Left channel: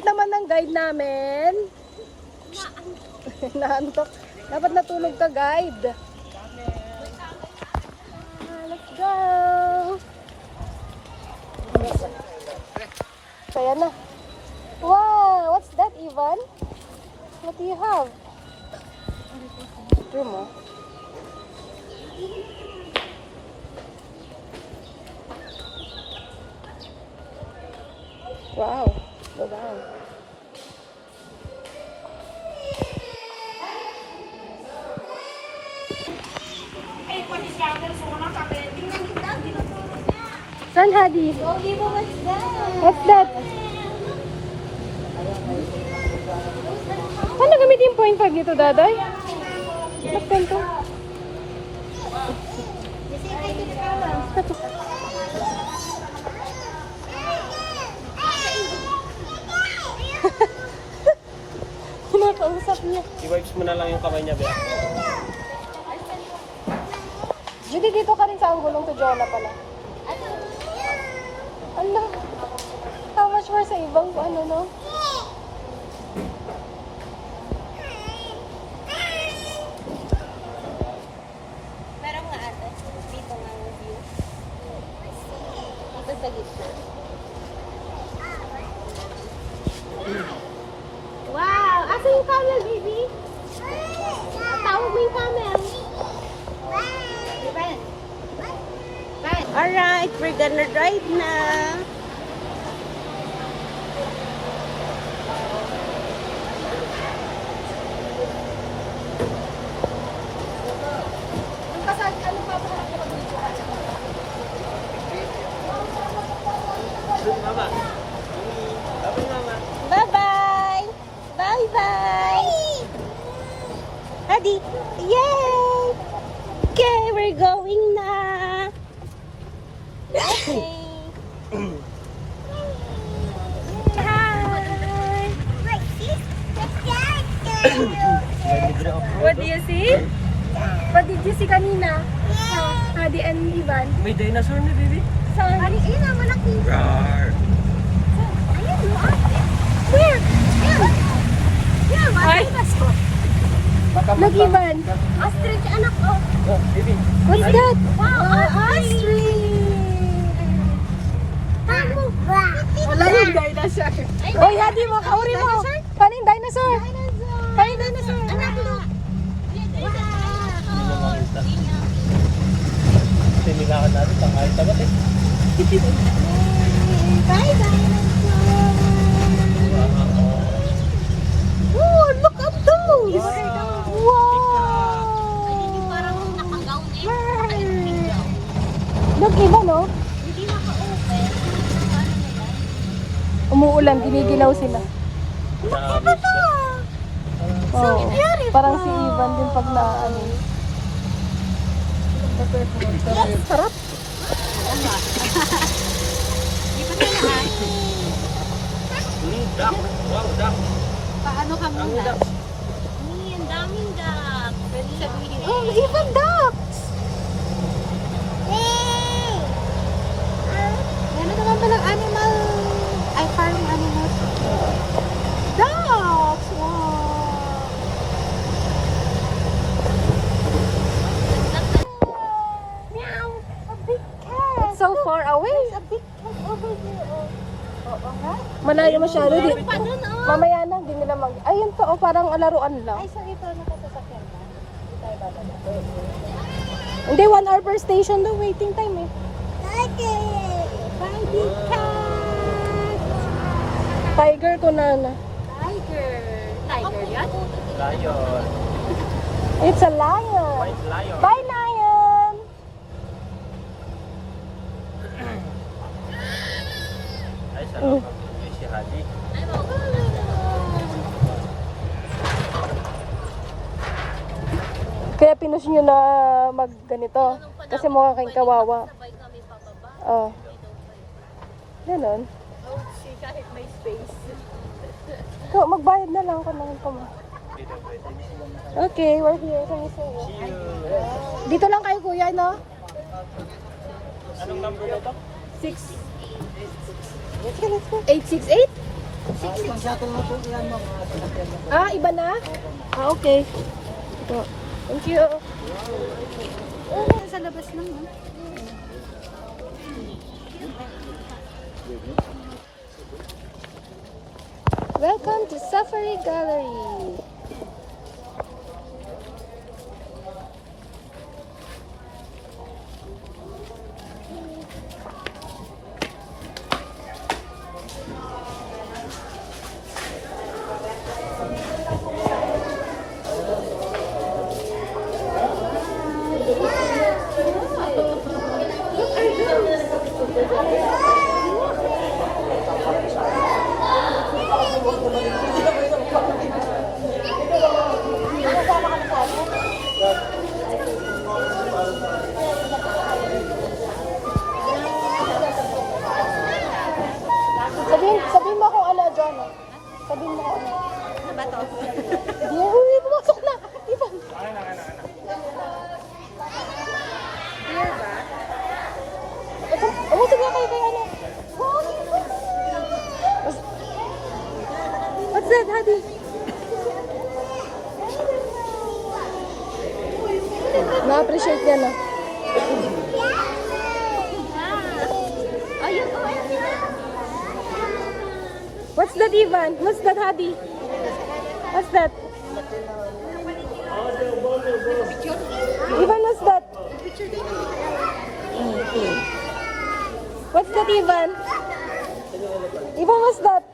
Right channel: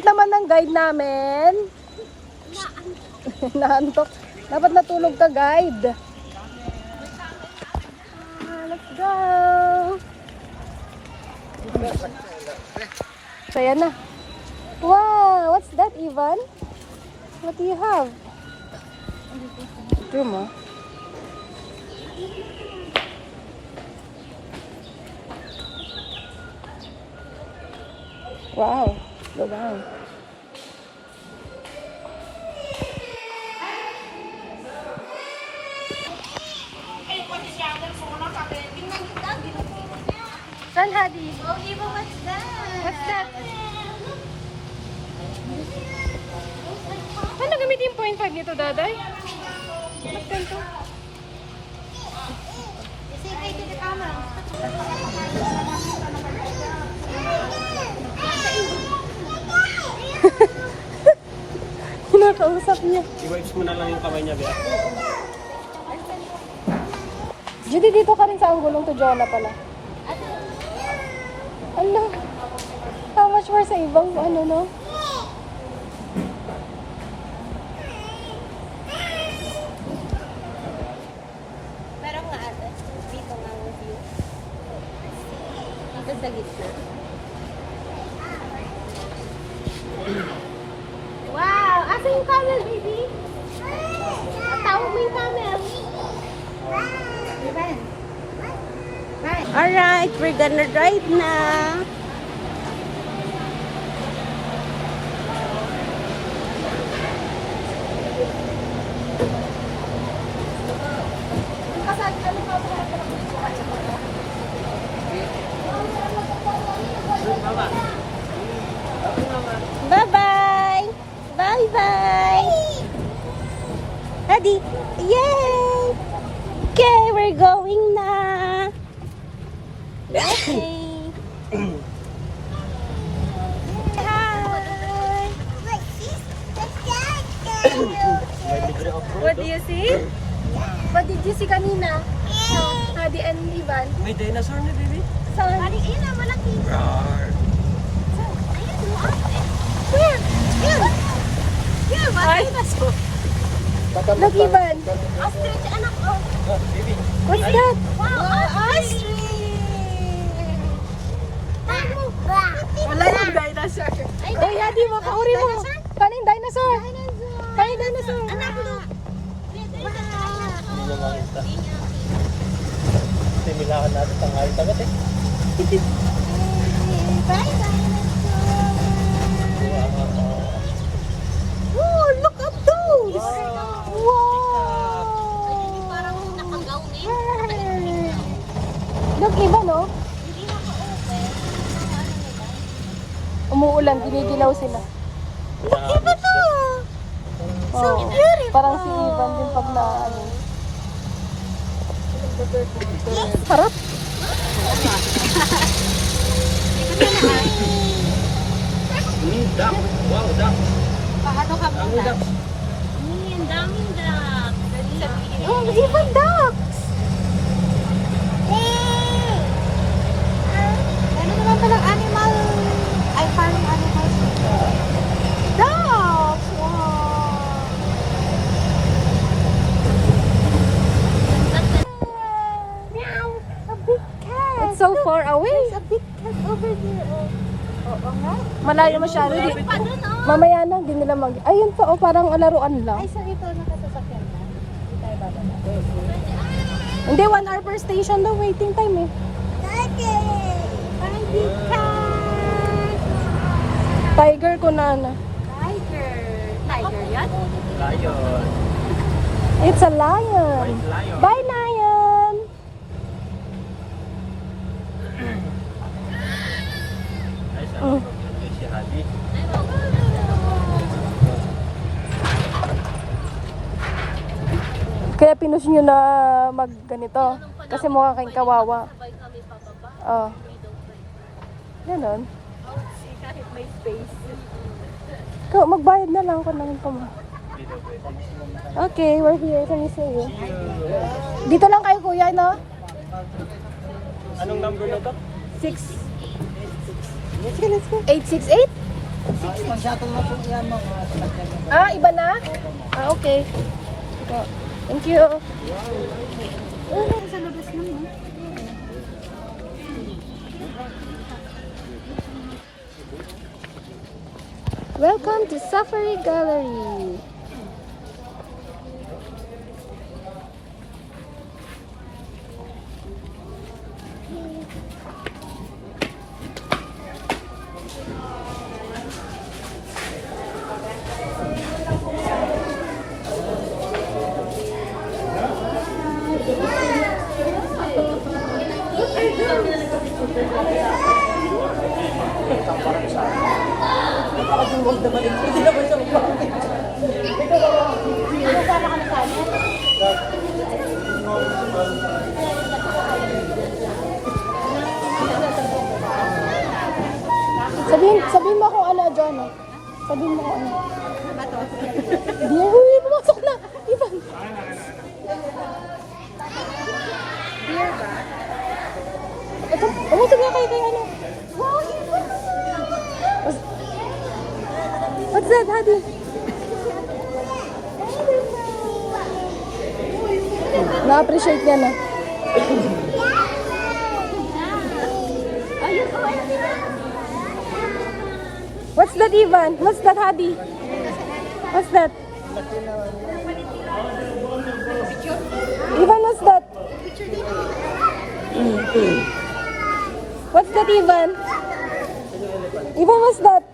kulit naman ng guide namin. Naantok. Dapat natulog ka, guide. Let's go. Saya na. Wow, what's that, Ivan? What do you have? Room, oh. Wow, go down. Son, Hadi. What's that? Paano gamitin yung point pag dito, Daday? What's that to? Kinakausap niya. I-wipes mo na lang yung kamay niya, Bea. Judy, dito ka rin sa anggulong to Jonah pala. Ano? How much more sa ibang ano, no? Meron nga ate. Dito nga ang view. Ito sa gitna. Wow! Asa yung camel, baby? Tawag mo yung camel. Alright, we're gonna drive na. Bye-bye! Bye-bye! Hadi! Yay! Okay, we're going na! What do you see? What did you see kanina? No, Hadi and Ivan. May dinosaur na, baby. Saan? Ayun na, malaki. Roar! Ayun, where? Yun! Yun, dinosaur. Baka Look, Ivan. Ostrich, anak ko. What's that? Wow, ostrich! Wala yung dinosaur. Oh, Hadi mo, kauri mo. Paano yung dinosaur? Paano yung dinosaur? Anak, look. Sinilakan natin ang mga tagot eh. Bye, Oh, look at those! Wow! parang nakagaw eh. Look, Ivan, no? Hindi naka-open. Umuulan, giniginaw sila. Iba to! Oh, parang si Ivan din pag na ano. Harap. Duck! Wow, duck! Ano ka Ang muna? duck! Ang daming duck. Oh, Ivan ducks! Ano naman pa ng animal? Ay, parang animal. Ducks! Meow! A big cat. It's so far away. A big cat over there. Oo nga. Malayo masyado. Di. Paano no? Mamaya na, di nila mag... Ayun pa, oh, parang laruan lang. Ay, sa ito nakasasakyan na. Hindi, 1 hour per station daw waiting time eh. Hi, big cat. Tiger ko na. Tiger. Tiger yan? Lion! It's a lion. White lion! Bye, lion! Ay, sa Oh. si Hadi. Kaya pinush nyo na mag ganito. Kasi mukha kayong kawawa. Sabay kami pababa. Oh. Ganon. Kahit may space. Ikaw, magbayad na lang ka naman pa mo. Dito, pwede. Okay, we're here. Can you see you? See you! Dito lang kayo, kuya, no? Anong number nito? 868? Isang shuttle na po yan, ma'am. Ah, iba na? Ah, okay. Ito. Thank you. Sa labas naman. Welcome to Safari Gallery. Sabihin mo kung ano, John. Sabihin mo kung ano. Ba to? Hindi, pumasok na. Ivan. Ito, umusog na kayo kay ano. What's that, Hadi? Na-appreciate niya na. What's that, Ivan? What's that, Hadi? What's that? Ivan, what's that? What's that, Ivan? Ivan, what's that?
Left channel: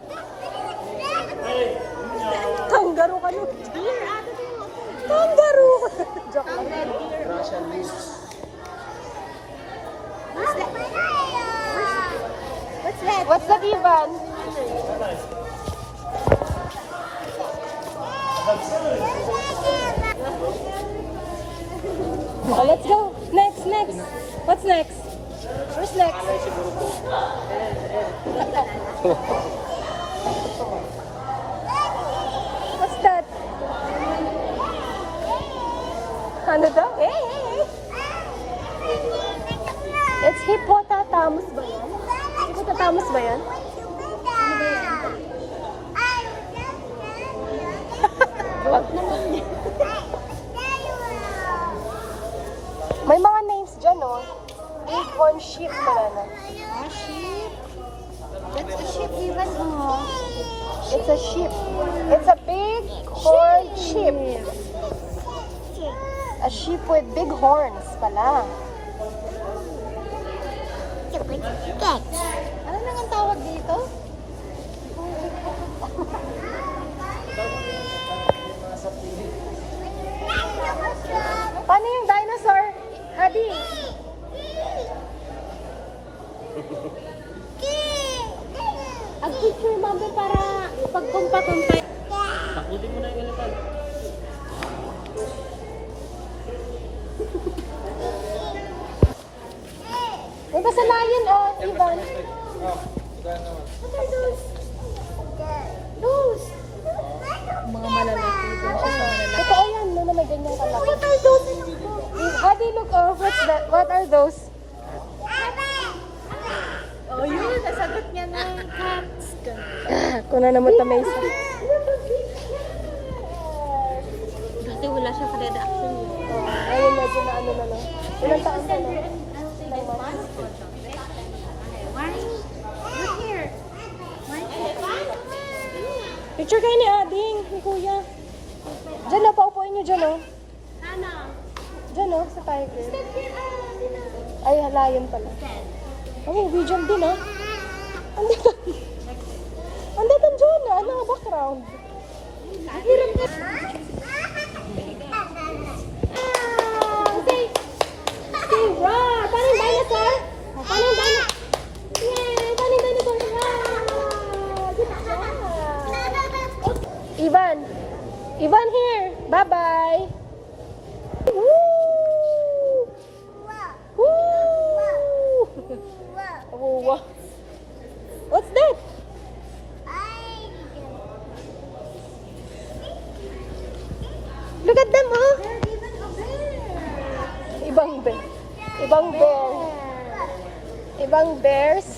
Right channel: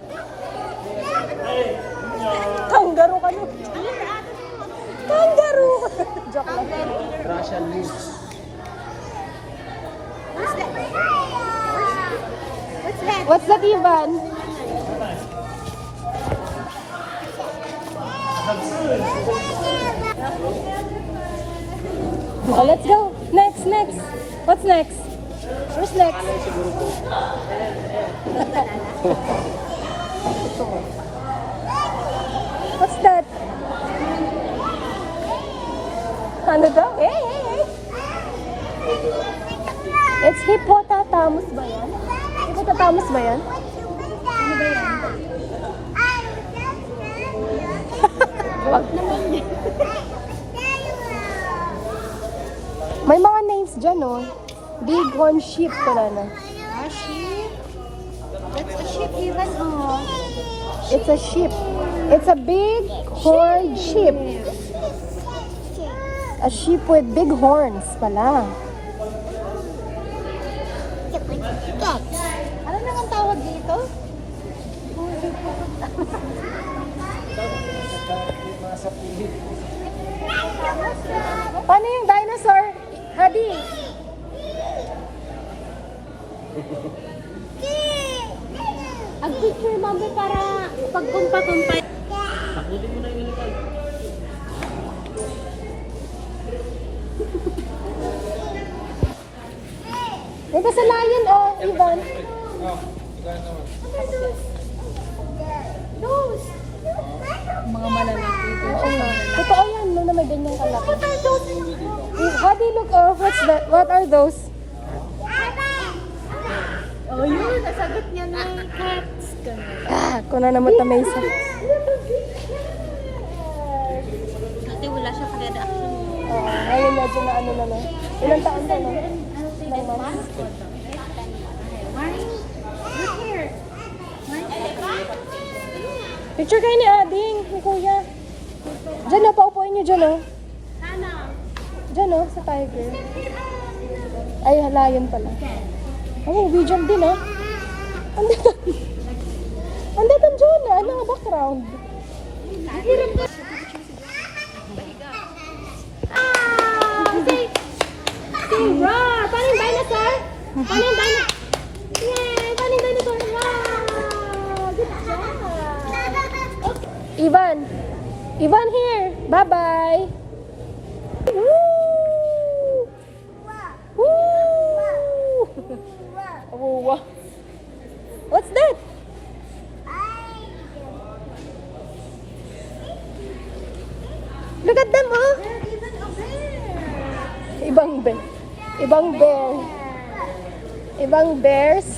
Kangaroo ka nun. Kangaroo ka. Joke lang. Russian news. What's that, Ivan? Oh, let's go. Next, next. What's next? Where's next? What's that? Ano daw? It's hippopotamus ba yan? Hippopotamus ba yan? Ano ba yan? Wag naman. May mga names dyan, oh. Bighorn sheep pala na. Ah, sheep? That's a sheep even. It's a sheep. It's a big horn sheep. A sheep with big horns pala. Ano naman tawag dito? Paano yung dinosaur? Hadi. Ang picture, mami, para pag-compare. Takutin mo na yung elephant. Ito sa lion, oh, Ivan. Mga malalaki. Totoo yan, no, na may ganyan pala. Hadi, look, oh, what's that? What are those? Oh, yun. Nasagot niya ng cats. Ah, ko na naman tamay sa... Kasi wala siya sa reaction niya. Oo, ngayon medyo na ano na lang. Ilang taon ka na? Look here. Picture kayo ni Ading, ni Kuya. Diyan, oh, paupuin niyo dyan, oh. Sana. Diyan, oh, sa tiger. Ay, halayan pala. Oh, Bijan din, oh. Andito. Andito dyan, ano, background. Okay, roar! Paano yung dinosaur? Paano yung dinosaur? Yay! Paano yung dinosaur? Wow! Good job! Ivan. Ivan here. Bye-bye. Woo! Woo! Oh, what's that? Look at them, oh. Ibang bear. Ibang bear. Ibang bears.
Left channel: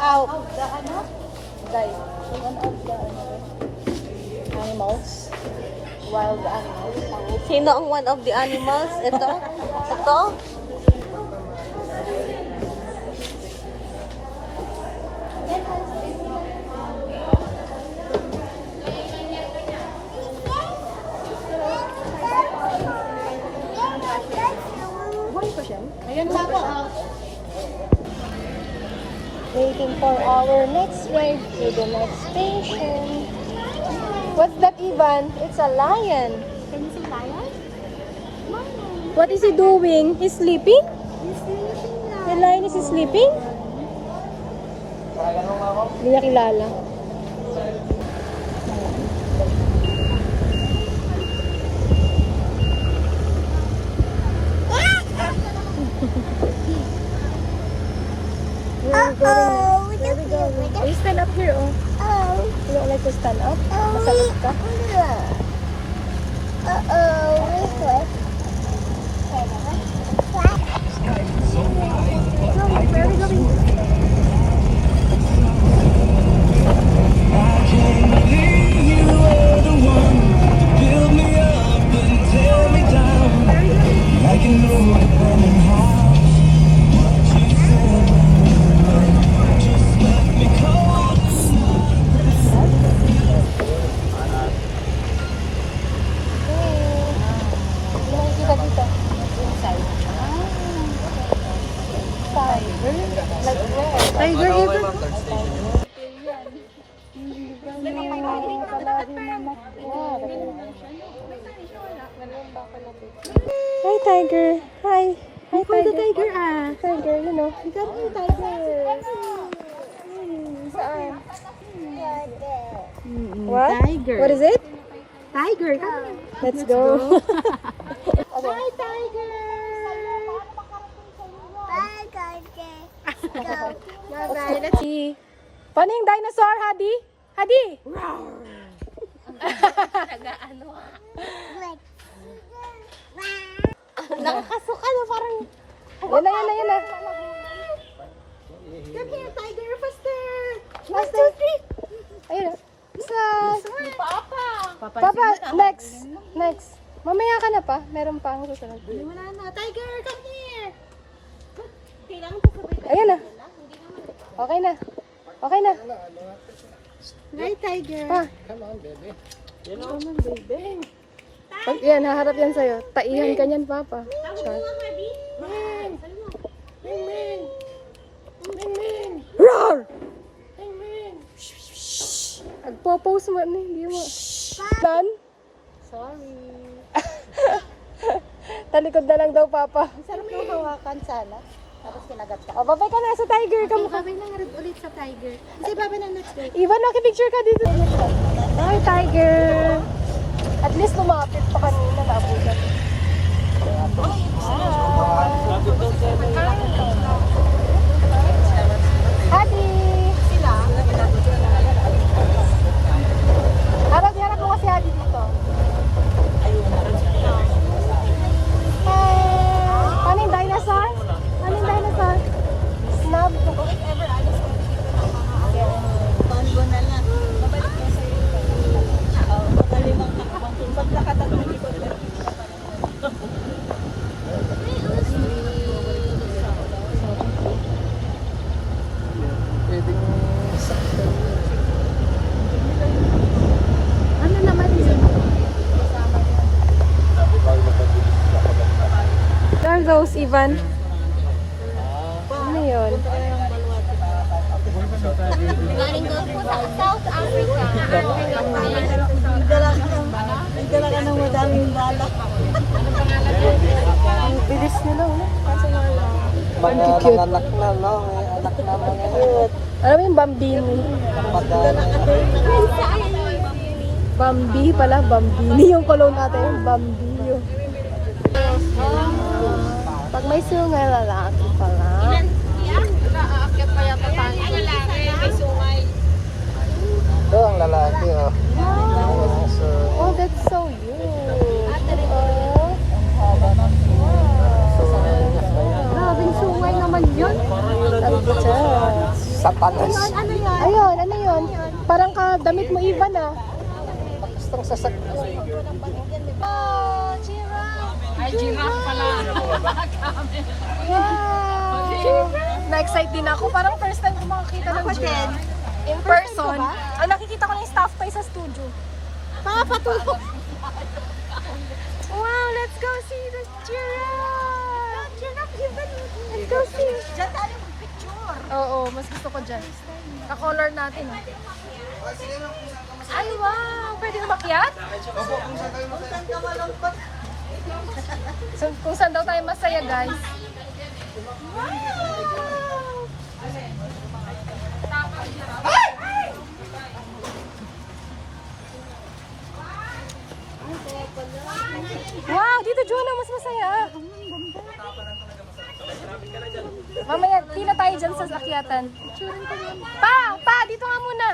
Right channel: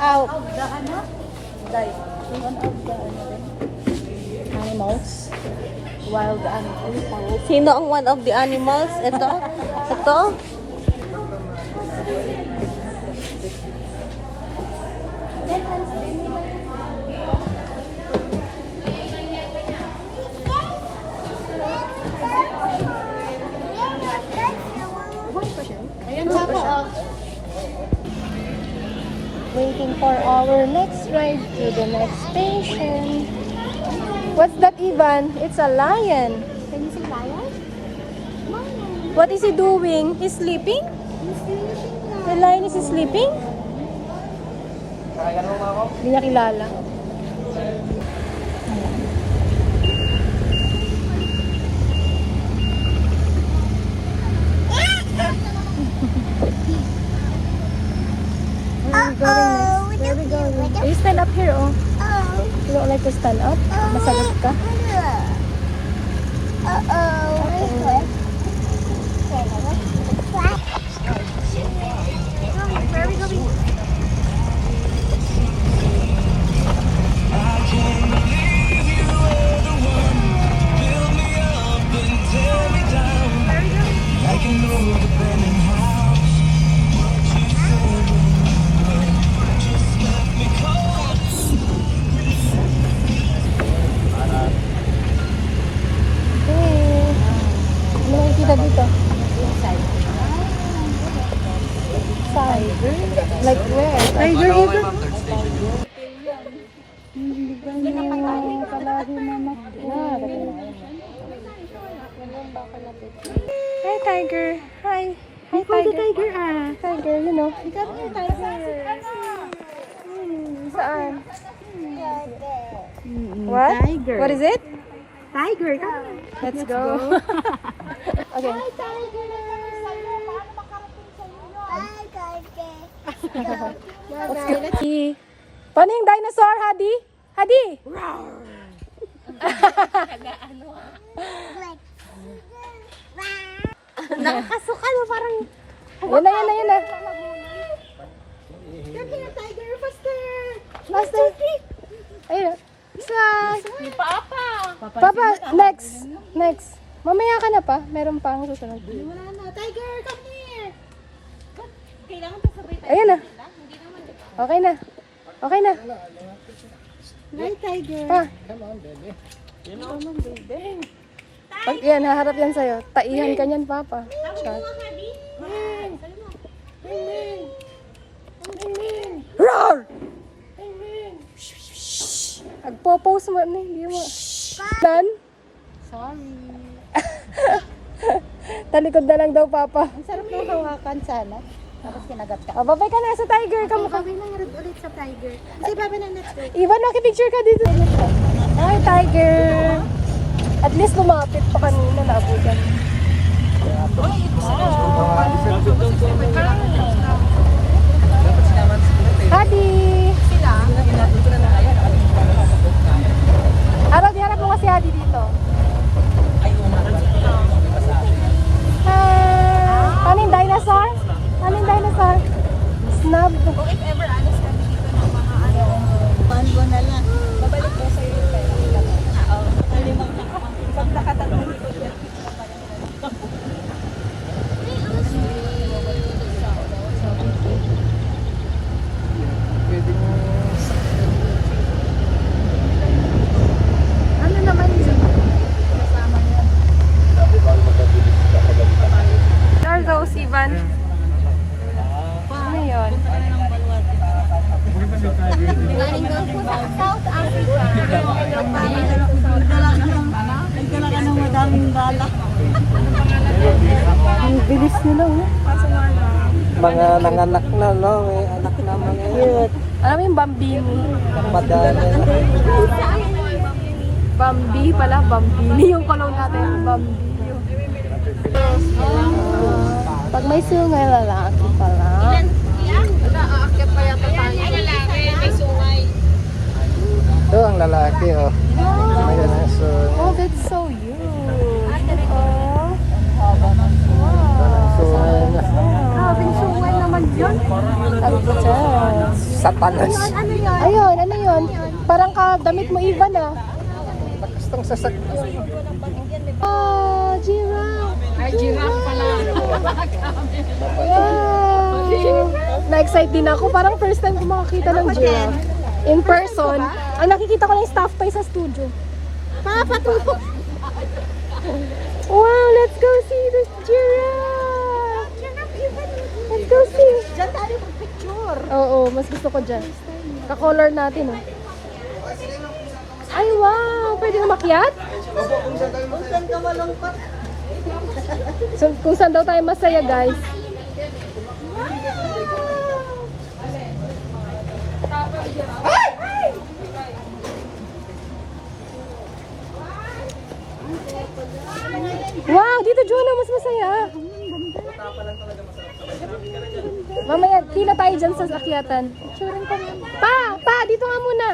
out. Animals. Wild animals. Sino ang one of the animals? Ito? Ito? Ayun Papa. Waiting for our next ride to the next station. What's that, Ivan? It's a lion. Can you say lion? What is he doing? He's sleeping? He's finishing The lion is sleeping? Hindi niya kilala. Where are we going? Where are we going? You stand up here, oh. You don't like to stand up? Masagot ka? Where are we going? Nakikita dito. Inside. Tiger? Like where? Tiger even? Hi, Tiger. Hi. Hi, Tiger. Tiger, you know. Come here, tiger. Saan? What? Tiger. What is it? Tiger, come here. Let's go. Okay. Hi, tiger. Bye-bye. Let's Paano yung dinosaur, Hadi? Hadi? nakakasuka na parang... Yun na, yun na, yun na. Come here, tiger. Faster. Faster. Ayun. Papa, next. Next. Mamaya ka na pa. Meron pa ang susunod. Wala na. Tiger, come here. Kailangan pa sabay tayo. Ayun na. Okay na. Okay na. Hi, tiger. Pa. Come on, baby. Pag yan, haharap yan sa'yo. Taihan ka niyan, Papa. Char. Roar! Agpo-pose mo na, hindi mo. Nan? Sorry. Talikod na lang daw, Papa. Ang sarap ng hawakan sana. Tapos kinagat ka. Babay ka na sa tiger. Kamukha. Babay na nga ulit sa tiger. Kasi babay na next week. Ivan, makipicture ka dito. Hi, tiger. At least lumapit pa kanina na abutan. Hadi! Harap mo kasi Hadi dito. Ano yung dinosaur? Ano yung dinosaur? Snub. Panbo na lang. Pwedeng sakto. Ano naman yun? There goes Ivan. Ano yun? Galing daw po sa South Africa. Nagdala ka ng madaming bala. Ang bilis nila. Mga nanganak na, no? May anak na mga yun. Alam mo yung Bambini? Madami. Bambi pala, Bambini yung kolong natin. Bambi yun. Pag may sungay, lalaki pala. Ito ang lalaki, oh. Ayan na, so... Oh, that's so huge. Oh. Grabing sungay naman yun. Agbutas. Satanas. Parang damit mo, Ivan, ah. Gustong sasakyan. Ah, giraffe. Ay, giraffe pala. Wow. Na-excite din ako. Parang first time ko makakita ng giraffe. In person. Ang nakikita ko lang yung staff toy sa studio. Wow, let's go see the giraffe. Let's go see. Diyan tayo mag-picture. Oo, mas gusto ko dyan. Ka-color natin, oh. Ay, wow! Pwede na makyat? Kung saan ka malungkot. So, kung saan daw tayo masaya, guys. Wow! Dito, Juno, mas masaya. Mamaya, pila tayo dyan sa akyatan. Pa! Dito nga muna.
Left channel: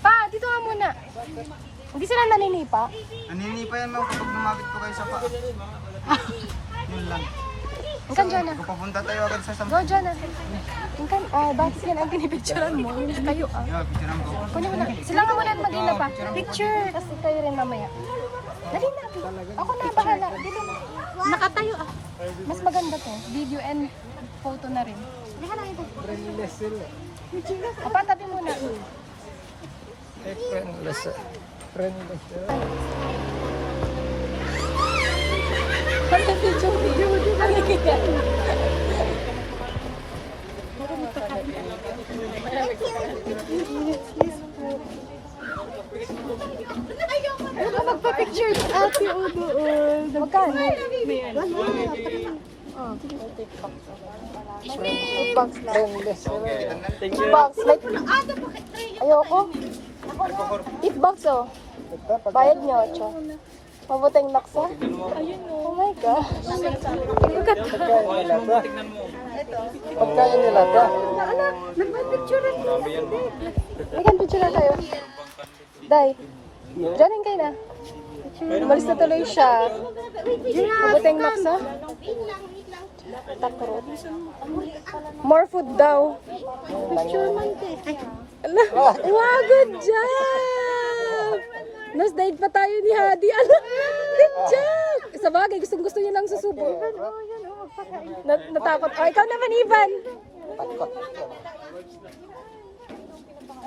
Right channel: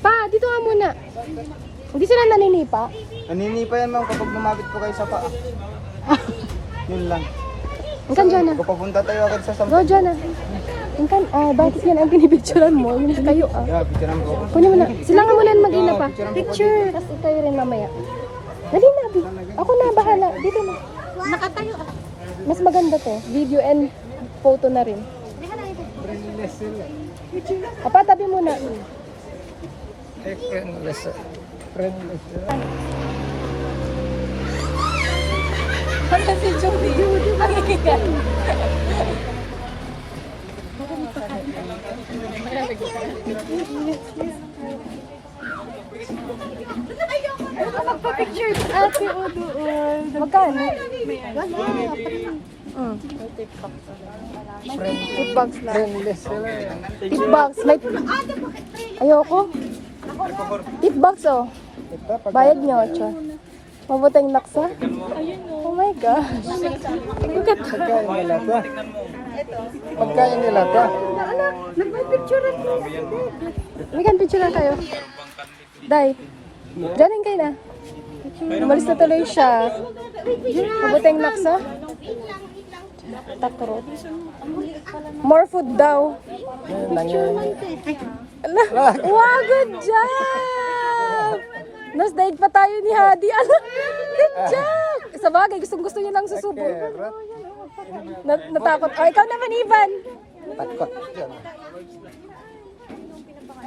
Pa, dito ka muna. Hindi sila naninipa. Naninipa yan lang kapag lumapit ko kayo sa pa. Yun lang. Ingkan dyan na. Kung papunta tayo agad sa Go sampan. dyan na. Ingkan, bakit yan ang pinipicturean mo? Yun kayo, ah. Yeah, picture mo. Kunin mo na. Sila nga muna mag-ina pa. Picture. Tapos tayo rin mamaya. Dali na, Bi. Ako na, bahala. Dito na. Nakatayo ah. Mas maganda to. Video and photo na rin. Apa, tabi muna. Ano si Judy? Ang ikigan. Ano ka magpa-picture? Ate, o doon. Magkano? Wala. Tip-box lang. Tip-box. Ayoko. Tip-box, oh. Bayad niyo, Ocho. Mabuting naksa. Oh my gosh. Pagkain nila to. Bigyan picture na tayo. Day. Diyanin kayo na. Umalis na tuloy siya. Mabuting naksa. Takrot. More food daw. Ala. Wow, good job! Nos, daig pa tayo ni Hadi. Ala, good job! Sa bagay, gusto niya lang susubo. Natakot. Oh, ikaw naman, Ivan.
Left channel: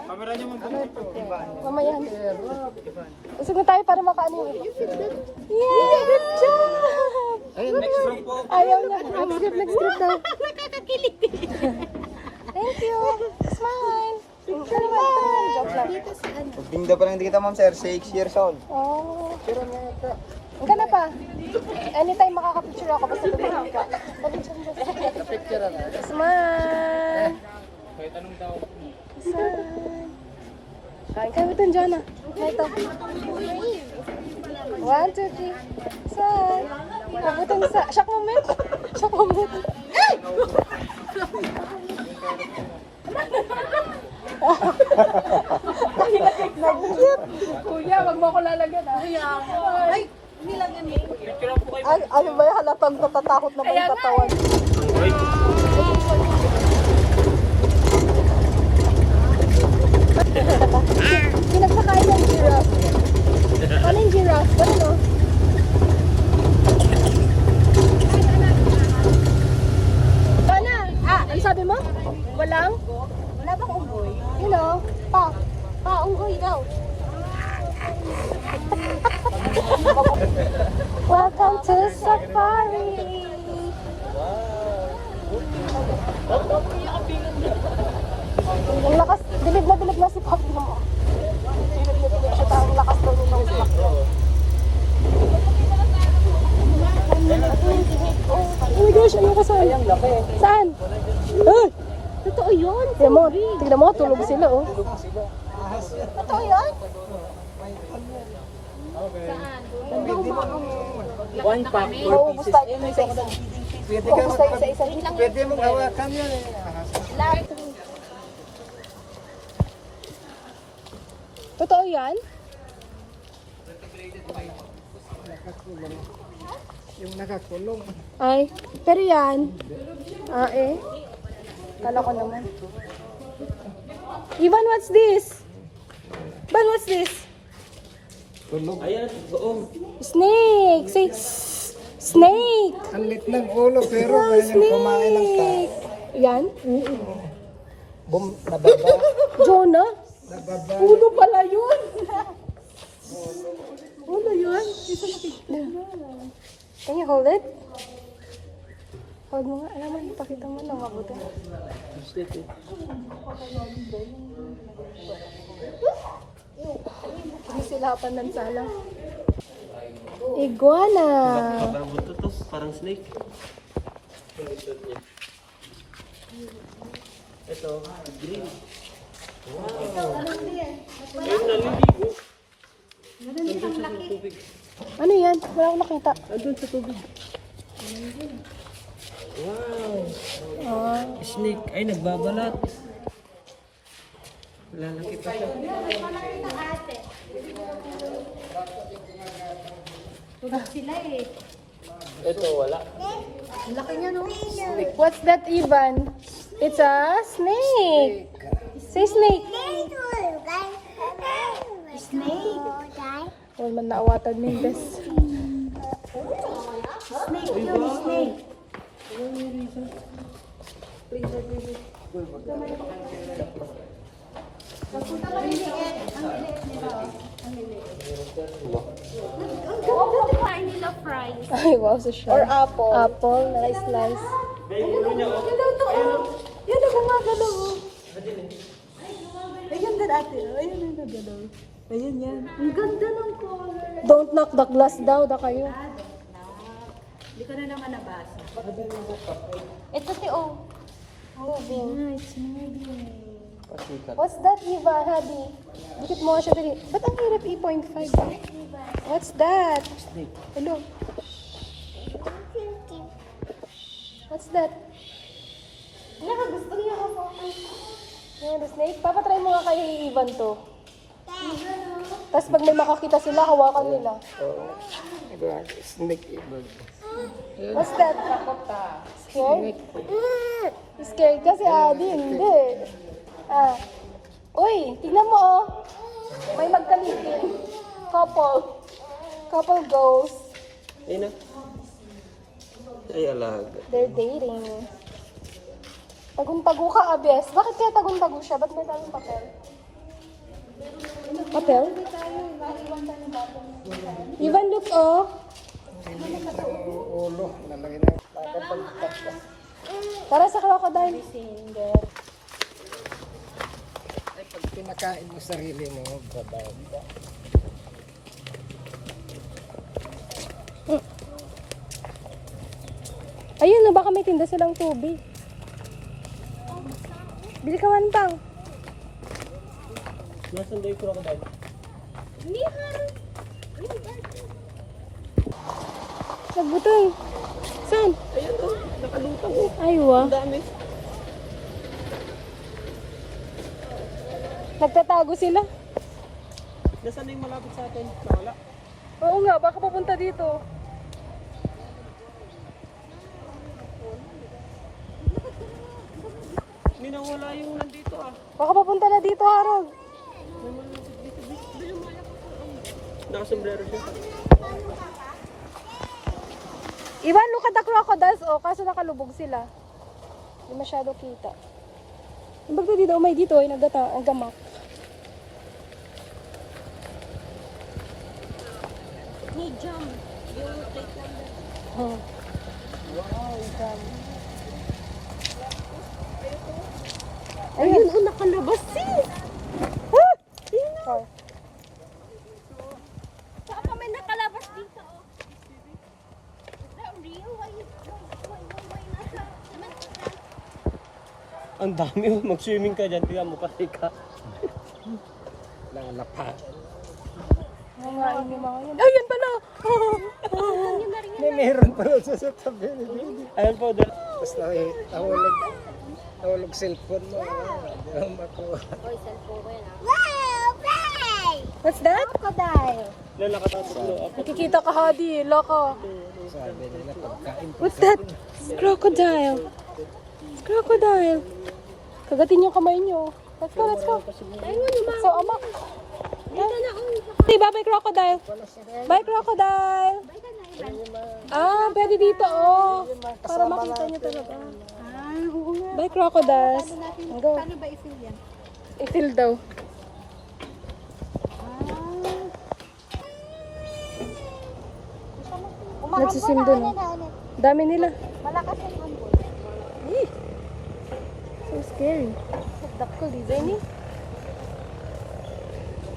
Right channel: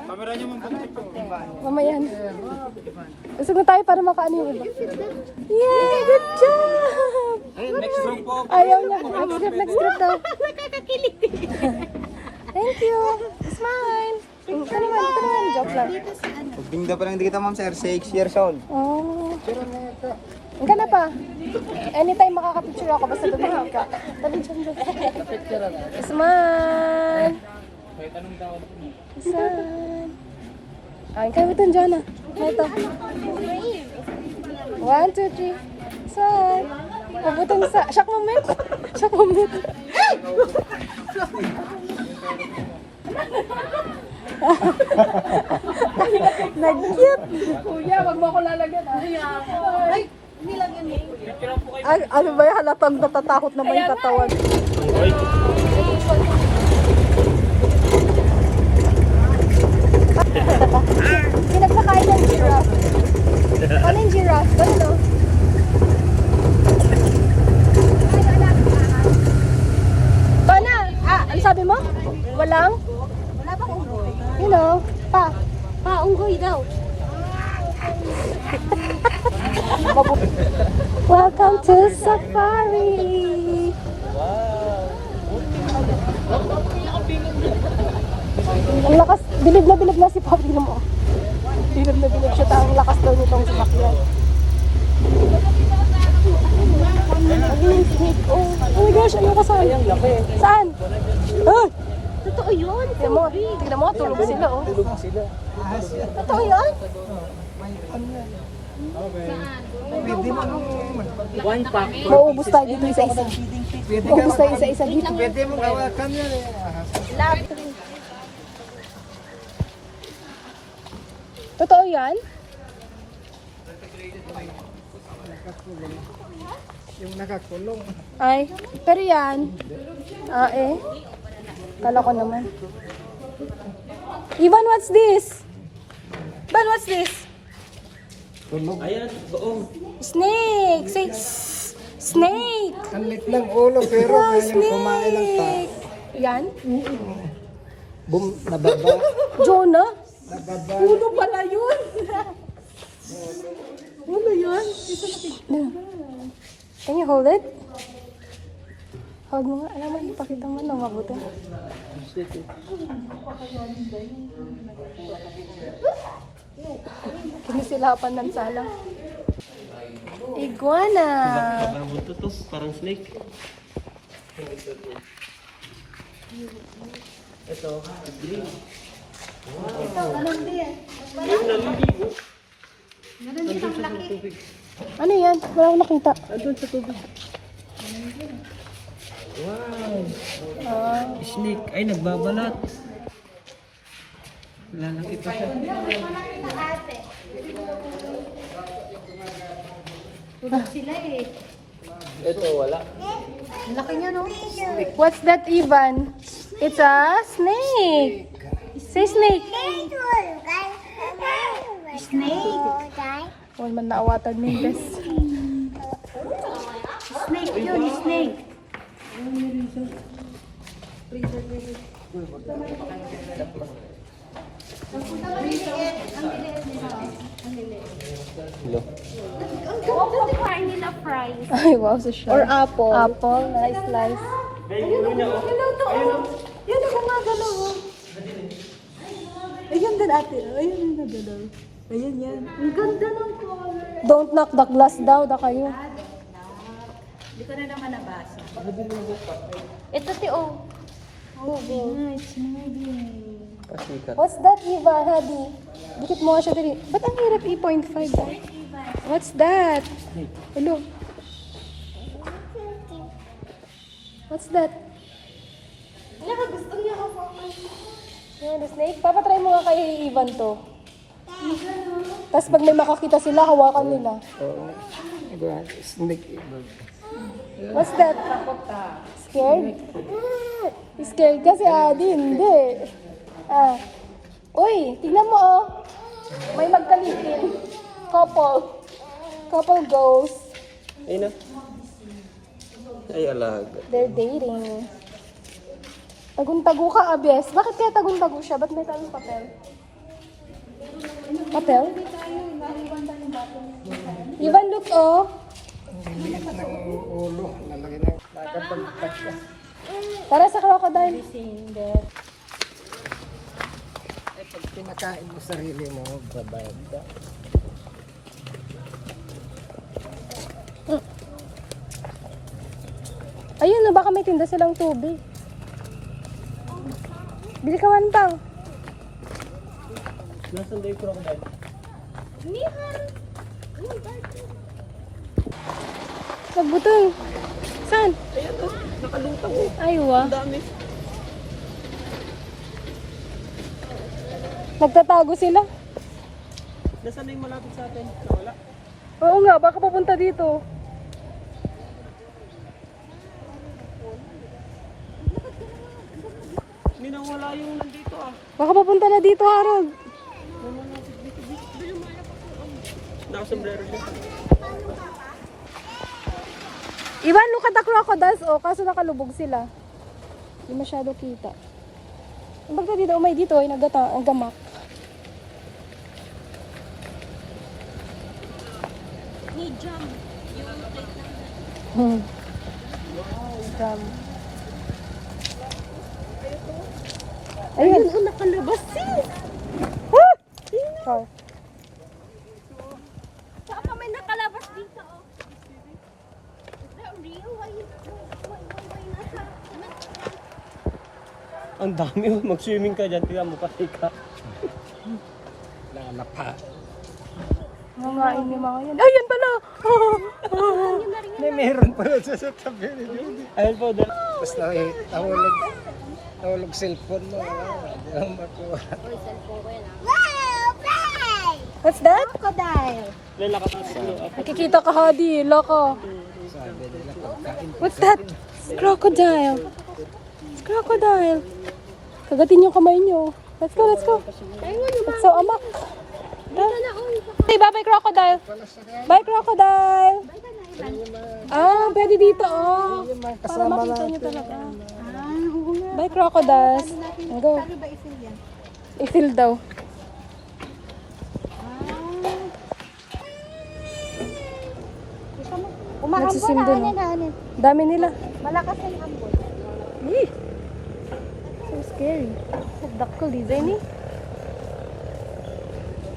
Kamera niyo mo pa ito. Mamaya. Gusto na tayo para makaano yung iba. Yay! Good job! Next room po. Ayaw niya. Next trip daw. Thank you. Smile. Picture time. Joke lang. Pagdingda pa lang dito, ma'am sir. 6 years old. Oh. Ang gana pa. Anytime makaka-picture ako, basta lumahap ka. Smile. Smile. Ay, kayo ito dyan ah. Ito. 1, 2, 3. Smile. Pabutong sa... Shock moment. Shock moment. Nag-cute. Kuya, wag mo ako lalagyan ah. Ay, nilagyan mo. Ay, ano ba yung halatang natatakot na ba yung katawan? Pinagsakain ng giraffe. Ano yung giraffe? Ano? Pana! Ano sabi mo? Walang? Wala bang unggoy? You know, pa. Unggoy daw. Welcome to Safari! Ang lakas, bilib na si Papi mo. Bilib na bilib siya, ang lakas daw nito si Papi. Oh my gosh, ayoko saan? Saan? Ah! Totoo yun? Tignan mo, tulog sila oh. Totoo yun? One pack. Mauubos tayo yung isa-isa. Pwede Mauubos tayo isa-isa. Pwede mong hawakan yan eh. Totoo yan? Yung nakakulong. Ay, pero yan. Kala ko naman. Ivan, what's this? Ivan, what's this? Ayan, buong. Snake! Say, snake! Ang lit ng ulo pero Wow, kayang kumain ng to. snake! Yan? Bum, nababa. Jonah? Nababa. Ulo pala yun! Ulo yun? Can you hold it? Hold mo nga. Alam mo, ipakita mo na mabuti. Kinisilapan ng salang. Iguana! Parang buto to, parang snake. Ito, green. Ano yan? Wala akong nakita. Andun sa tubig. Ah, Snake. Ay, nagbabalat. Wala lang ito siya. Ito, wala. Laki niya, no? what's that, Ivan? It's a snake. Say snake. Snake. Huwag man naawatan mo yung best. Snake yun, snake. Kain nila fries. Ay, wow, so shy. Or apple. Apple, nice slice. Ayun din ate. Ayun yung nagalaw. Ayun yan. Ang ganda ng color. Don't knock the glass daw, da kayo. Hindi ko na naman nabasa. Ito si O. Pasikat. What's that, Ivan, Hadi? Bukit mo nga siya dili. Ba't ang hirap 8.5 daw? What's that? Hello? What's that? Gusto niya ako. Yan, the snake. Papatry mo nga kay Ivan to. Tapos pag may makakita sila, hawakan nila. Snake ibag. What's that? Scared? Scared kasi Hadi, hindi. Ah. Uy, tingnan mo oh. May magkalitin. Couple goes. Ay na. Ay, alaga. They're dating. Tagun-tago ka, Abes. Bakit kaya tagun-tago siya? Ba't may tayong papel? Papel? Ivan, look, oh. Ang liit ng ulo. Lalaki na. Nakapagkat ka. Para sa crocodile. Ay, pag pinakain mo sarili mo, babayad ka. Ayun, no, baka may tinda silang tubig. Bili ka man pang. Nasaan daw yung crocodile? Nagbutol. Saan? Ayan o, nakalutang o. Aywa. Ang dami. Nagtatago sila. Nasaan na yung malapit sa atin? Wala. Oo nga, baka papunta dito. May nawala yung nandito ah. Baka papunta na dito, Harold. Nakasombrero siya. Ivan, look at the crocodiles. Oh, kaso nakalubog sila. Hindi masyado kita. Ang bagta dito, may dito, ay nagamak. May jam. Yung plate number. Wow, jam. Ayun, nakalabas sis! Ah! Oh. Saan pa may nakalabas dito? Oh. Is that real? Why nasa? Ang dami oh. Mag-swimming ka dyan. Tingnan mo pati ka. Lalapa. Nangain yung mga yan. Ayun pala! May meron pala sa tabi ni Judy. Ayun po. Tapos nahulog cellphone mo. Hindi mo makuha. What's that? Crocodile. Lala ka tatlo. Nakikita ka, Hadi. Loko. Sabi nila pagkain. What's that? Crocodile. Crocodile. Kagatin yung kamay nyo. Let's go, let's go. It's so amak. Hey, bye-bye crocodile. Bye crocodile. Ah, pwede dito oh. Para makita nyo talaga. Bye crocodiles. Go. I-fill daw. Nagsisim dun oh. Dami nila. Malakas yung ambon. Eh. So scary. Sagdak ko, design eh.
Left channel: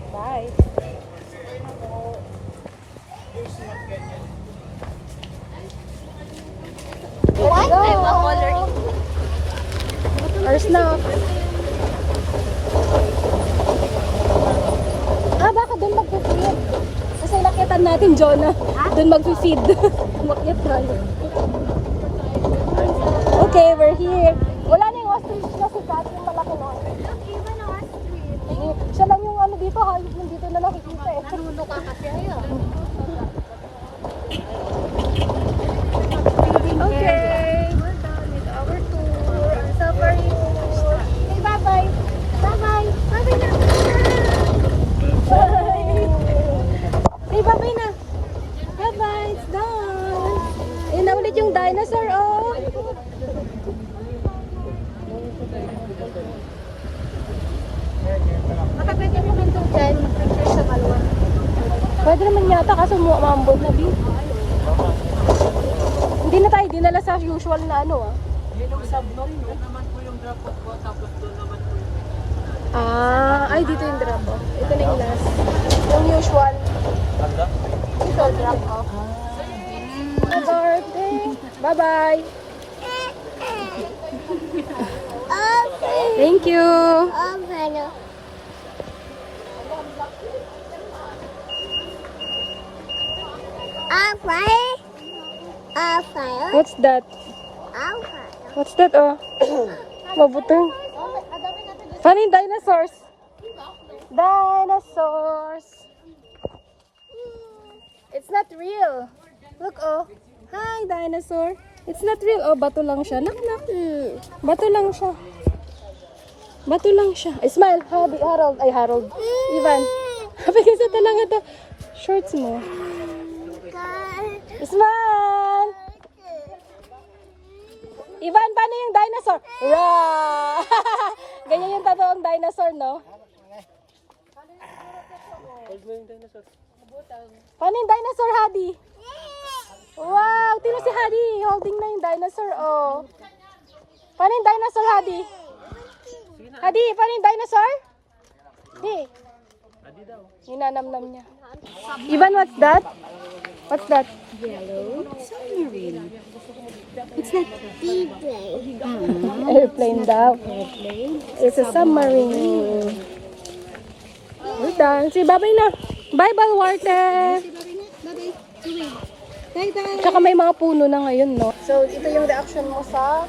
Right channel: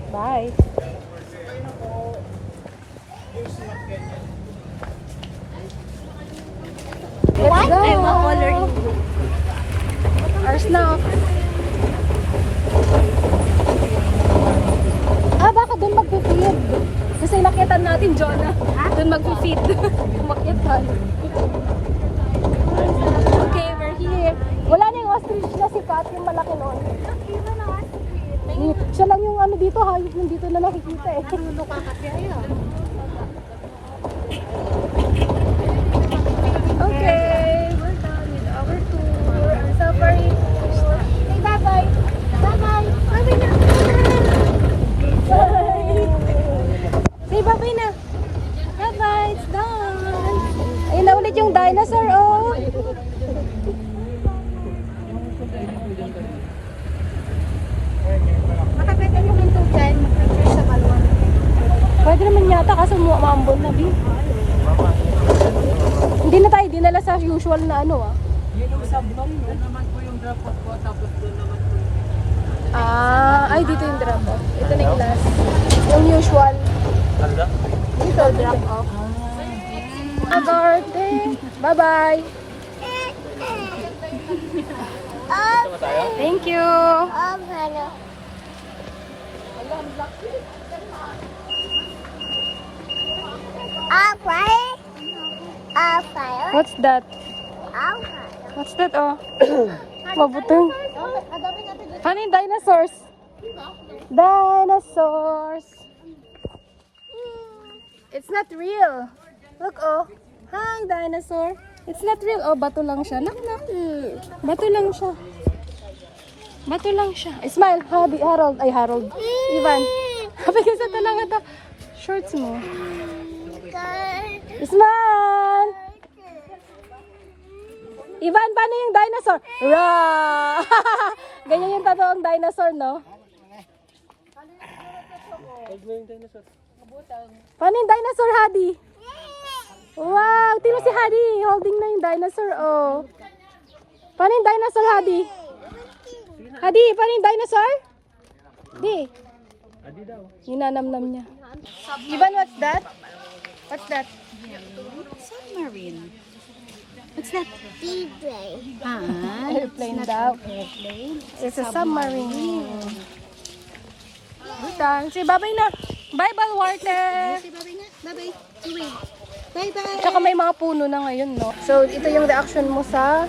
Bye. What? I'm a coloring. Ours na. Ah, baka doon mag-feed. Kasi nakitan natin, Jonah. Doon mag-feed. Umakyat tayo. Okay, we're here. Wala na yung ostrich na si Kat, yung malaki noon. Iba na nga. Siya lang yung ano dito, hayop yung dito na nakikita eh. Naruno ka kasi ayun. Okay, we're done with our tour. Safari tour. Say bye-bye. Bye-bye. Bye-bye na. Bye. Say bye-bye na. Bye-bye, it's done. Ayun na ulit yung dinosaur, oh. Baka pwede nyo mintong dyan. Sa malwa. Pwede naman yata kaso maambon na din. Hindi na tayo dinala sa usual na ano ah. Yun yung sablong, doon naman po yung dapat ko. Tapos doon naman po yung... Ah, ay dito yung drop off. Ito na yung last. Yung usual. Dito, drop off. Agarte. Bye-bye. Thank you. What's that? What's that, oh? Mabutong. Funny dinosaurs. Dinosaurs. It's not real. Look, oh. Hi, dinosaur. It's not real. Oh, bato lang siya. Look, look. Bato lang siya. Bato lang siya. Ay, smile. Harold. Ay, Harold. Ivan. Happy kasi talaga to. Shorts mo. Smile. Ivan, paano yung dinosaur? Ra! Ganyan yung totoong dinosaur, no? Paano yung dinosaur, Hadi? Wow! Tino si Hadi. Holding na yung dinosaur, oh. Paano yung dinosaur, Hadi? Hadi, paano yung dinosaur? Di. Yung nanamnam niya. Ivan, what's that? What's that? Submarine. It's not airplane. Airplane daw. It's a submarine. We're done. Say bye-bye na. Bye-bye, water. Bye-bye. Wait. Bye-bye. Tsaka may mga puno na ngayon, no? So, ito yung reaction mo sa...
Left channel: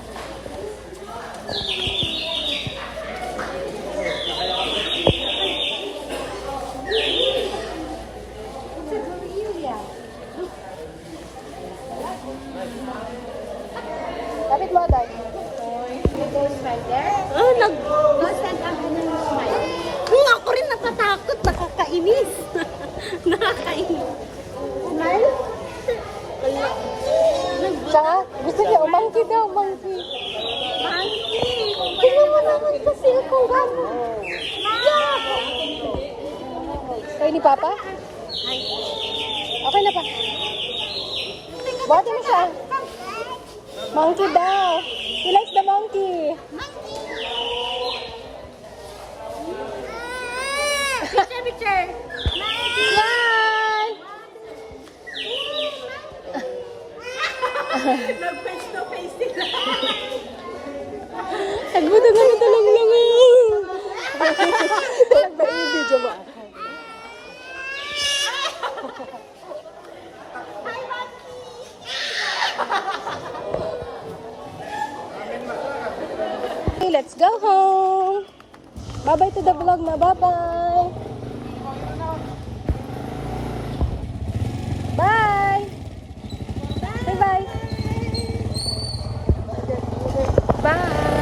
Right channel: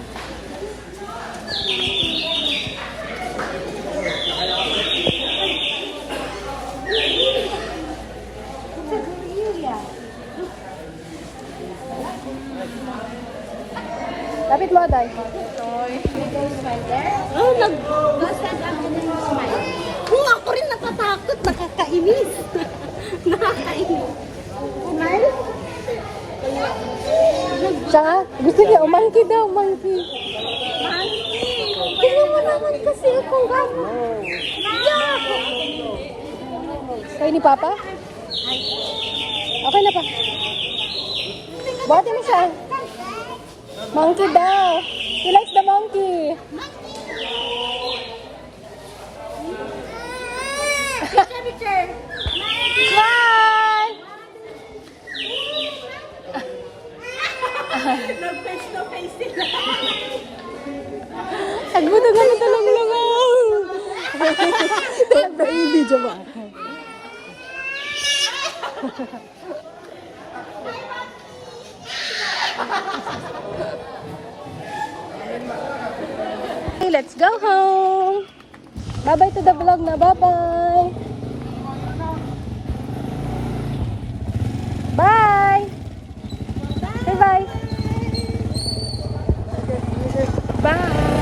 Lapit mo, Aday. Oh, nag-stand up ng smile. Kung ako rin nakatakot, nakakainis. Nakakainis. Smile? Siya nga, gusto niya, umangki daw, umangki. Tingnan mo naman kasi ako. Kayo ni Papa? Okay na pa. Buhatin mo siya. Monkey daw. He likes the monkey. Picture, picture. Smile! Nag-face to face sila. Agbuto nga na talong-langaw. Nag-video ba? Okay, let's go home. Bye-bye to the vlog na. Bye-bye. Bye. Bye-bye. Bye.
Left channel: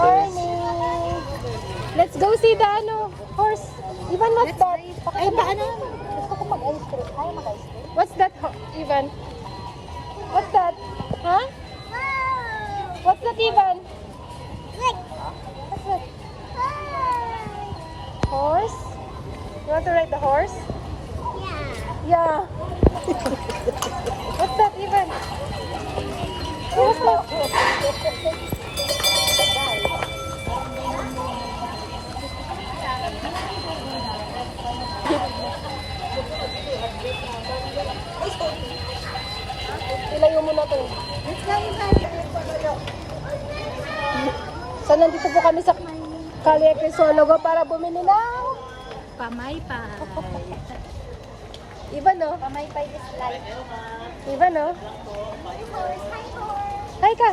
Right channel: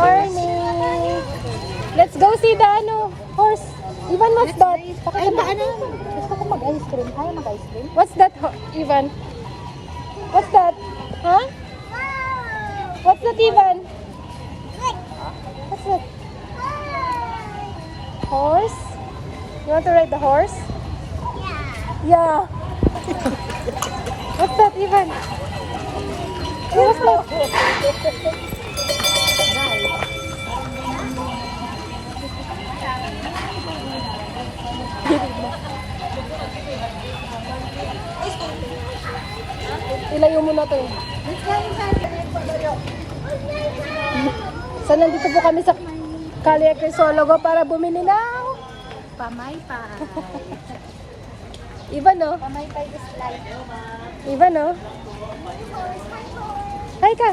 morning. Let's go see the horse. Ivan, what's that? Ay, paano? Gusto ko mag-ice cream. Kaya mag-ice cream? What's that, Ivan? What's that? Huh? What's that, Ivan? What's that? Horse? You want to ride the horse? Yeah. What's that, Ivan? What's that? Ilayo mo na to. So, nandito po kami sa Calle Crisologo para bumili ng Pamaypay. Iba, no? Pamaypay is life. Iba, no? Hi ka!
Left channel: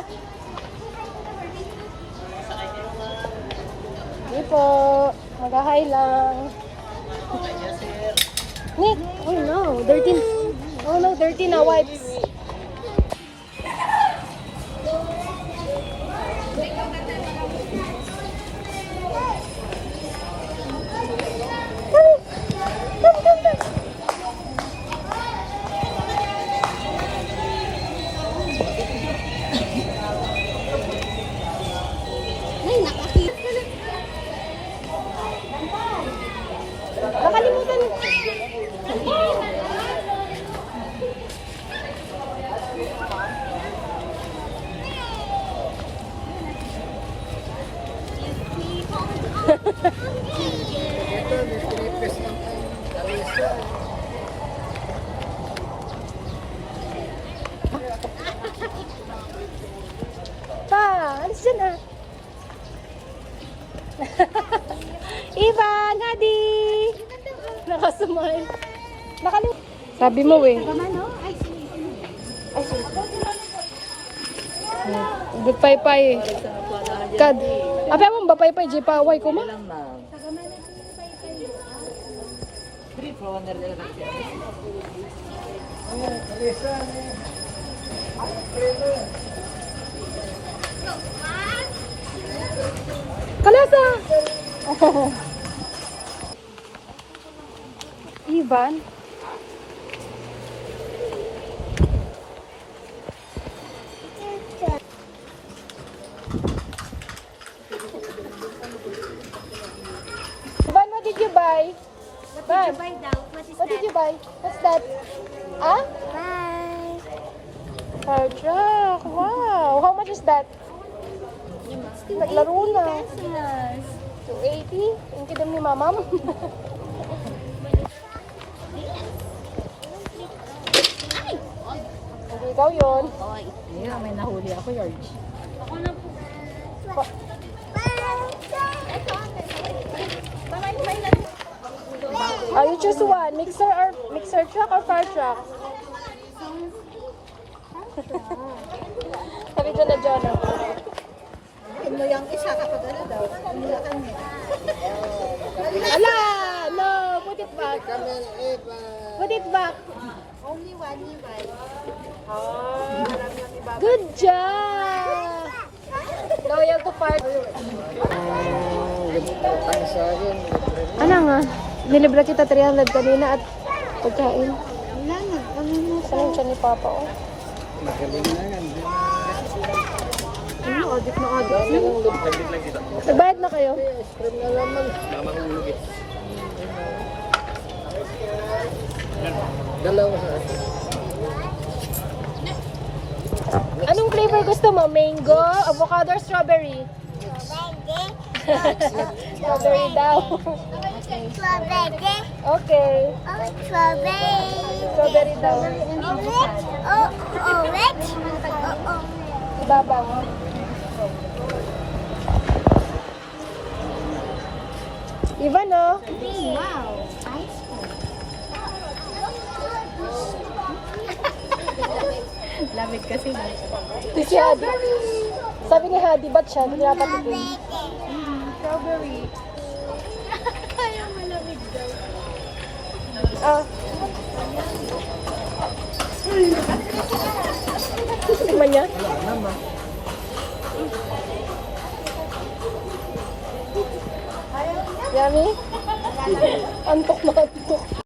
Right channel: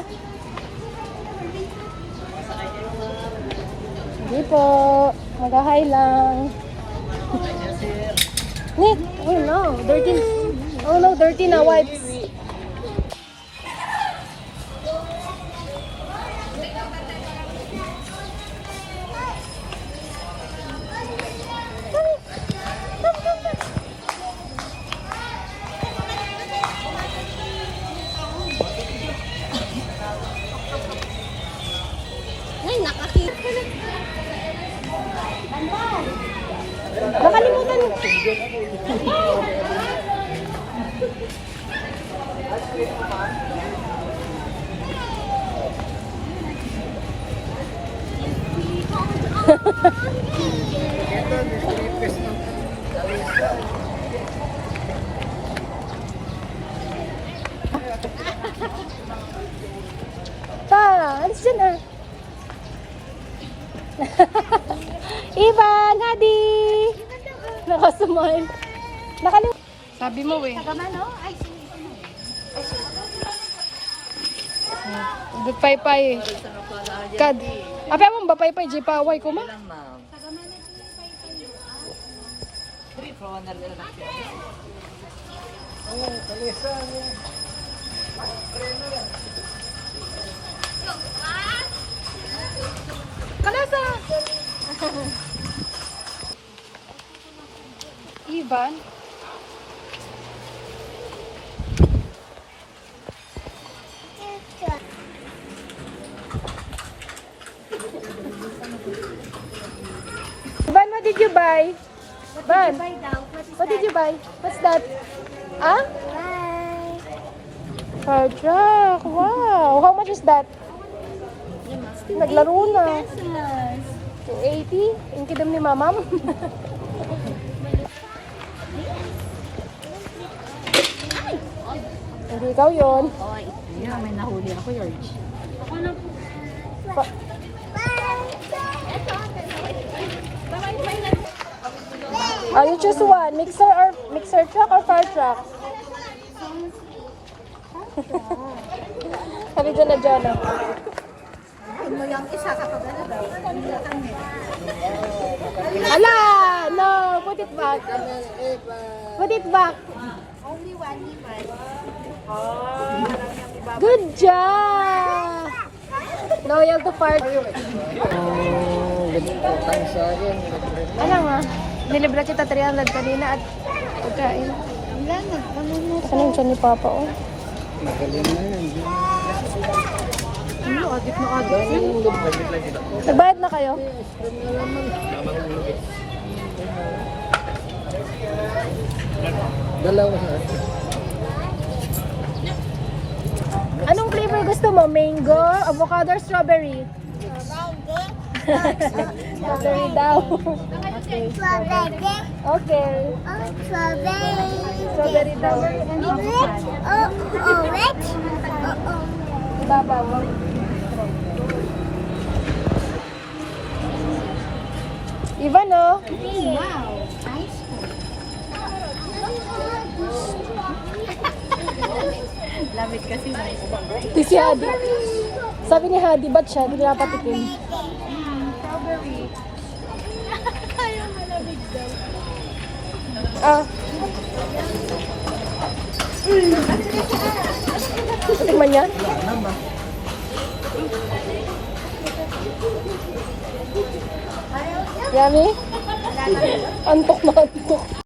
Hindi po. Mag-hi lang. Nick! Oh no, dirty. Oh no, dirty na wipes. Ay, nakakita. Nakalimutan mo. Pa, alis dyan ah. Ivan, Hadi! Nakasumay. Nakalimutan. Sabi mo eh. Gipay-pay eh. Kad. Apa mo ba pay-pay? Jipaway ko ma? Kalasa! Oh. Ivan? Ivan, what did you buy? Ivan, what did you buy? What's that? Ah? Bye. Fire truck. Wow. How much is that? Naglaro na. 280? Yung kidam ni mamam. Hindi ikaw yun. Yeah, may nahuli ako, Yarj. You choose one. Mixer truck or fire truck? Sabi dyan na Jonah. Mo yung isa kapag daw. Ala! No! Put it back. Put it back. Good job! Loyal to fire. Utang sa akin. Ano nga? Nilibre kita 300 kanina at pagkain. Wala, ano mo. Ano siya ni Papa, oh. Magaling na yan. Ano, adik na adik. Nagbayad na kayo? Ice cream na naman. Dalawa sa akin. Anong flavor gusto mo? Mango, avocado, or strawberry? Strawberry daw. Okay. Strawberry daw. Ibabaw mo. Ivan, oh. Lamit kasi na. Ito si Hadi. Sabi ni Hadi, ba't siya? Hindi niya patikin. Strawberry. Ah. Tikman niya? Yummy? Antok na antok.